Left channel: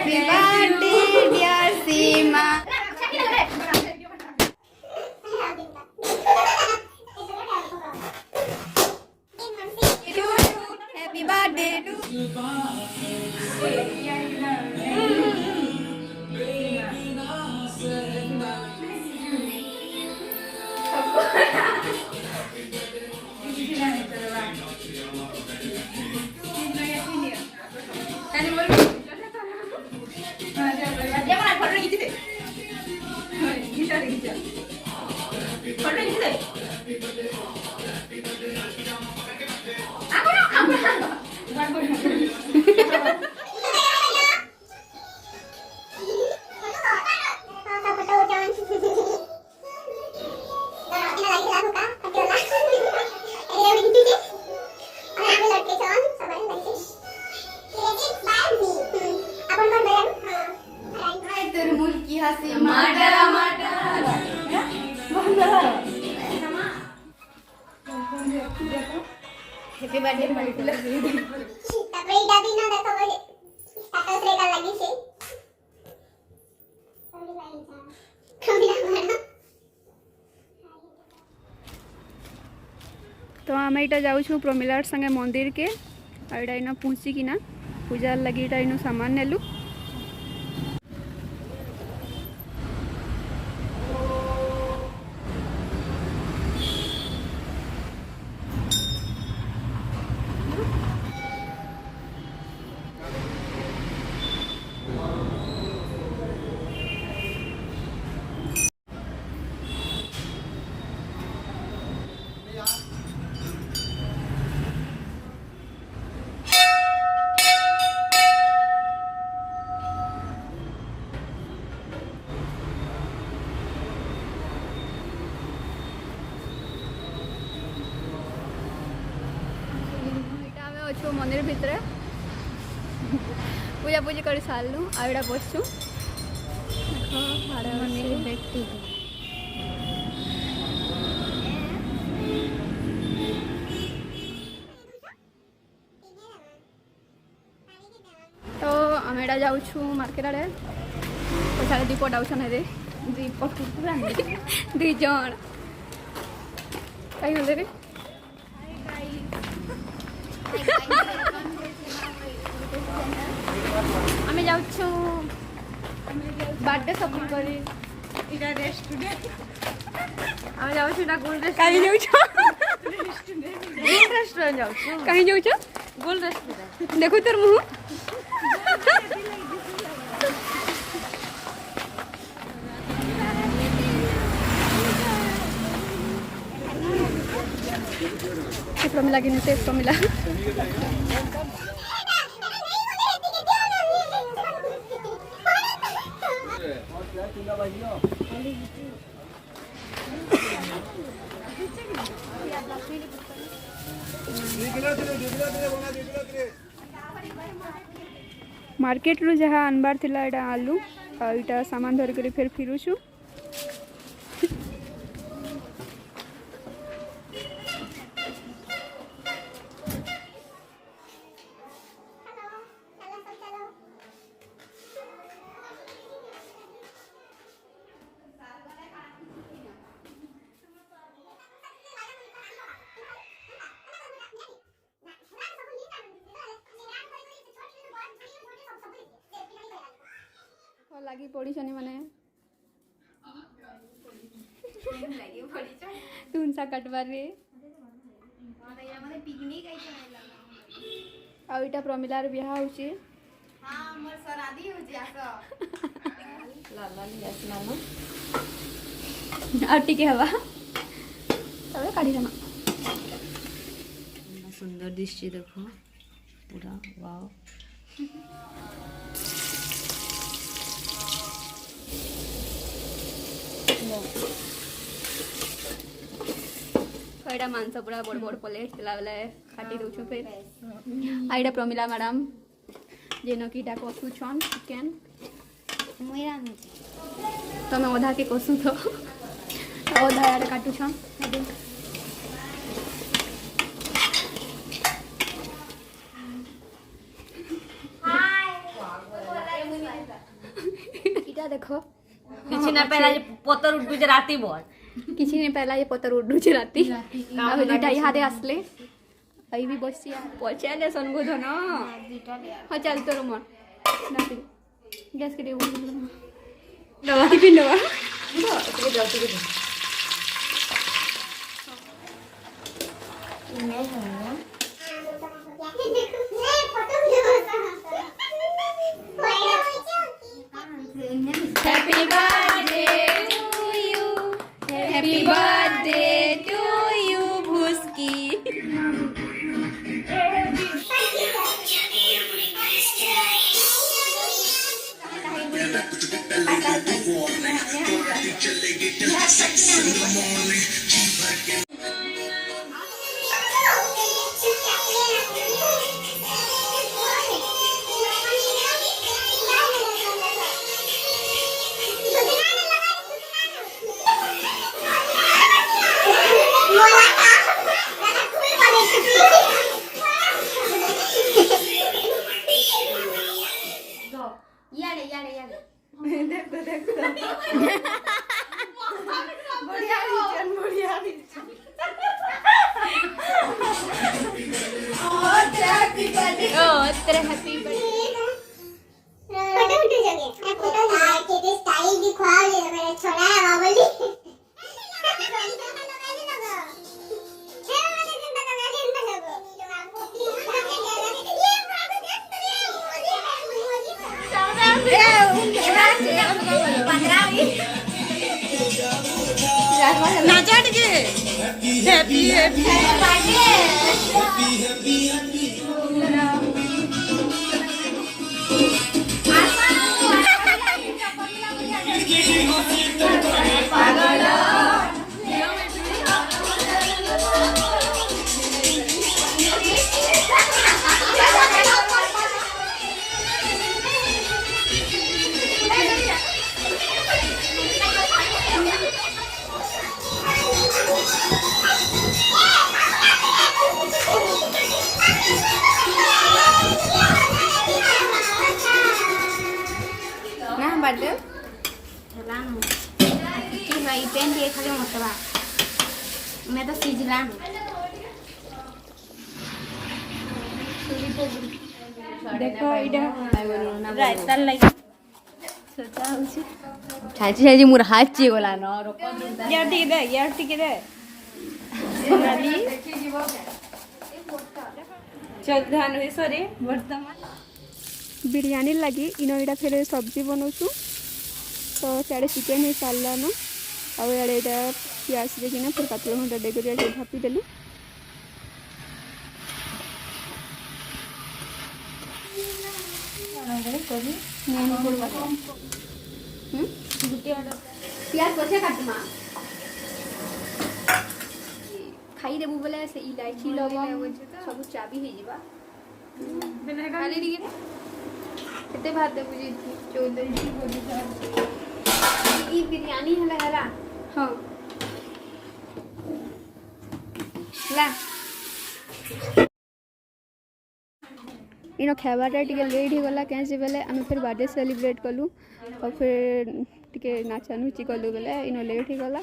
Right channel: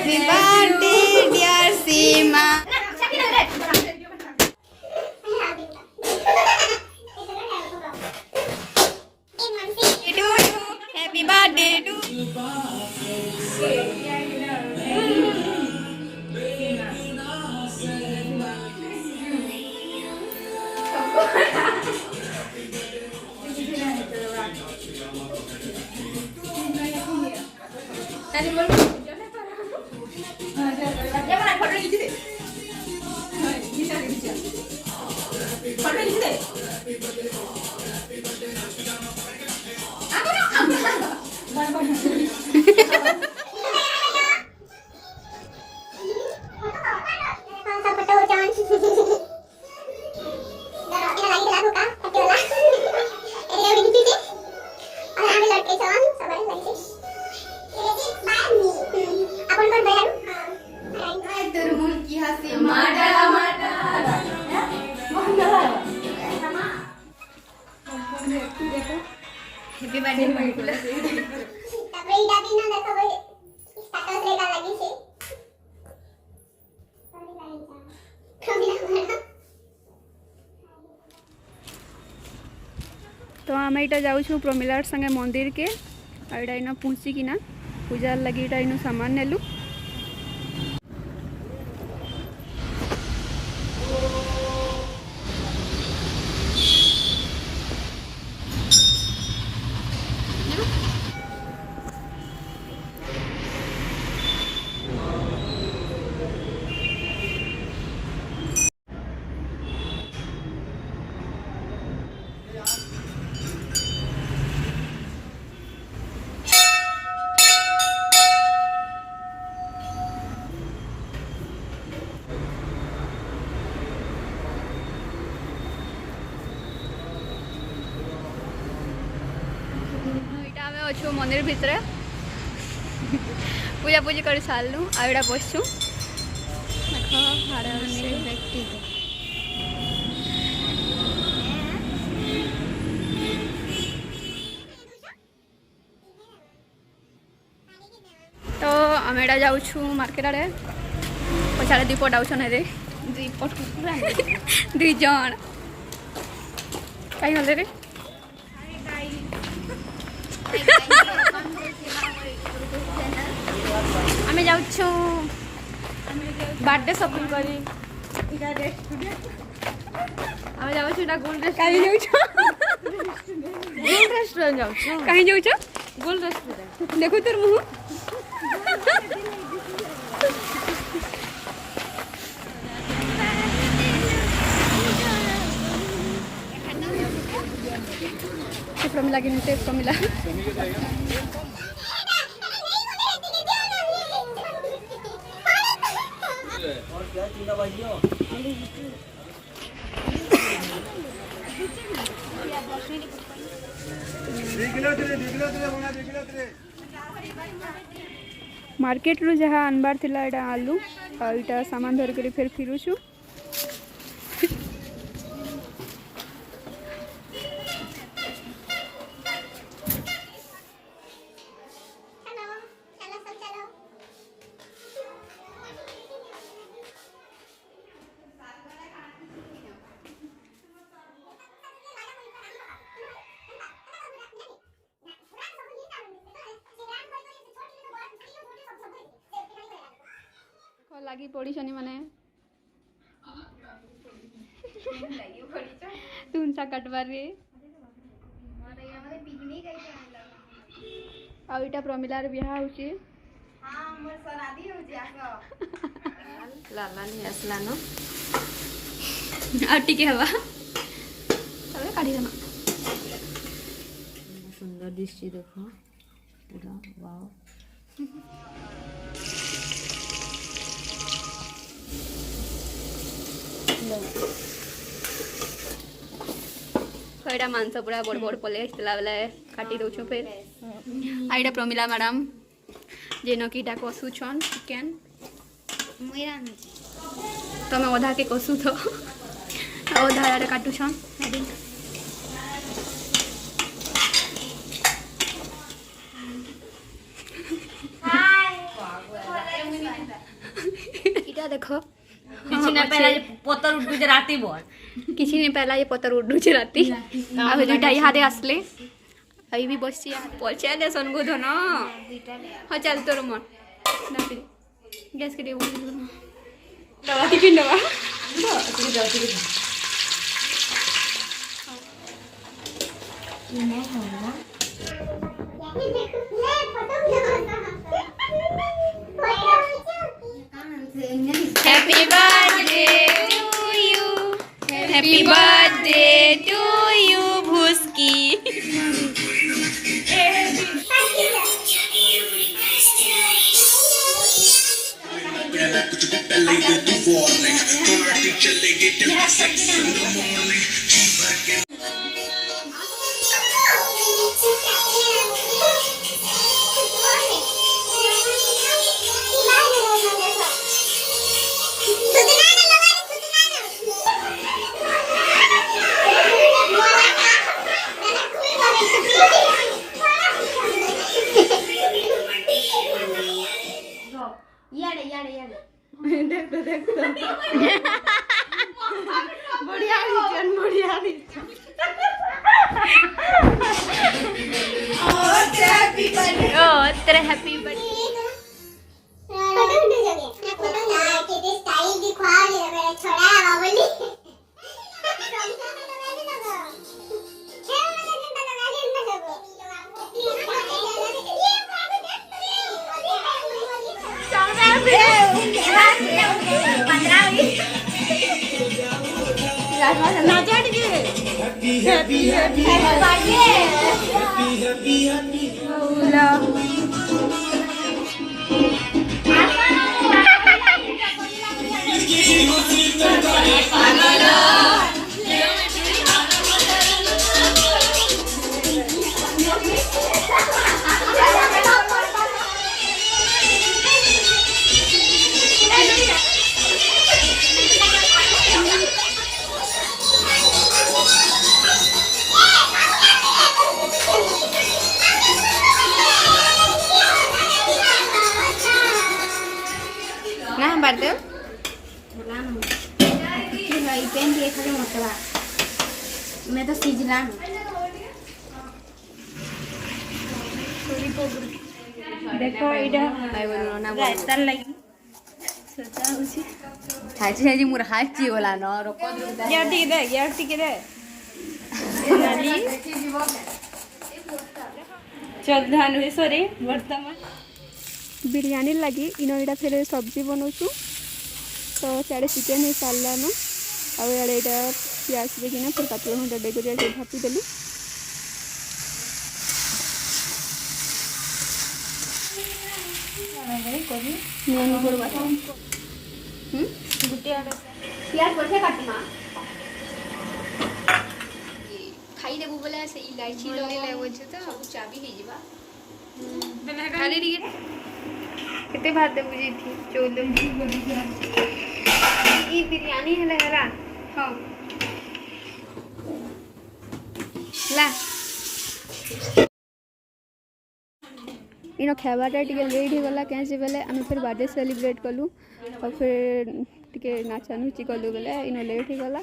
Happy birthday, dear Sima. Happy birthday to you. Happy birthday तो आम यहाँ जाऊँ प्रमिलार संगे मंदिर के आईटा इन पहुँचिकिना पूजा लगी इन सामान नेलु अच्छो मंदिर भितर पूजा पूजी कर सारू आईटा बसचु तो आम एटा जाऊँ मार्केट आड़े पछाड़े दीपट आउछन रे दुई जन कहीं गले रे आमे जाउछु बर्थडे शॉपिंग करी इरा रेस्टोरेंट आमे जाउछु ना गोल्ड कहीं जाउछु गोल्ड रेस्टोरेंट जाउछु कहीं जाउछु गोल्ड रेस्टोरेंट देखो तोर मुंह प्रमिला की नीचे प्रमिला मार्केट रू जहाँ अनबार थिला एटा आलू और इटा सामान धर कर फिर फिरुछु लगी पड़ी छनी माने तुम सा कटबार रे आ इटा प्रमिलार बियाह होची हां मोर सरादी होची आसो लाला नि आसलानो आटी के हवा अरे काढी दमा सुंदर दिसची देखो पूरा वाओ कईटा मांस पूरा बड़ बड़ पले बेले काटी दौछु फिर आईटा प्रमिला मैडम जेनो कीटा कषुछन चिकेन तमें अधा के कषु तो अधा यार काटुछन ଏଇଟା ଦେଖ କିଛି ନା ପେଲା ପତର ଉଠୁଛି ରାତି ବଳ କିଛି ନାଇଁ ପେଲା ଏ ପତର ଉଡୁଛି ରାତି ଆଉ ଦୁଇଟା ଇହାଦେ ଆସିଲେ आई भी बस पचा दे सनगो धन हाँ चल तोर मन गैस के टिफिन दवा happy birthday to you happy birthday to you भूस्की तेरा हैप्पी बर्थडे फोटो उठे जगे फोटो हां के स्टाइल दिखा ये मेरा छोरा है बाबली नाचट के हैप्पी हैप्पी ना बात दे भाई पेन दिए खाली मतवा मैं तो सीजला देखो इडा आई बोलो ना रायता लगी सोचा उसी छाची छाची मोर हाथ ची बोला न रोको यार ठीक दे नाली चल धान हुए सरे वर्तमान बिरयानी लगी इनो इटा फिर सब्जी बनाऊँ तो सियाड़े चिकेन हो सारा न आड़े यहाँ प्याज देकिना फिर पातल घंटा डेकोरेट भापी देलु खाई देबू बोले से इलायची लगे तो सब चाबी हो जावा खाली ଟିକେ केते भात देबू जी थी 14 ई बिरयानी हला हां ला इनो खावाटा टिके लेट हो गला कैसे बेले आम फिर बर्थडे सेलिब्रेट कलु और फिर टिके नाचा नुची कलु बेले इनो लेट हो गला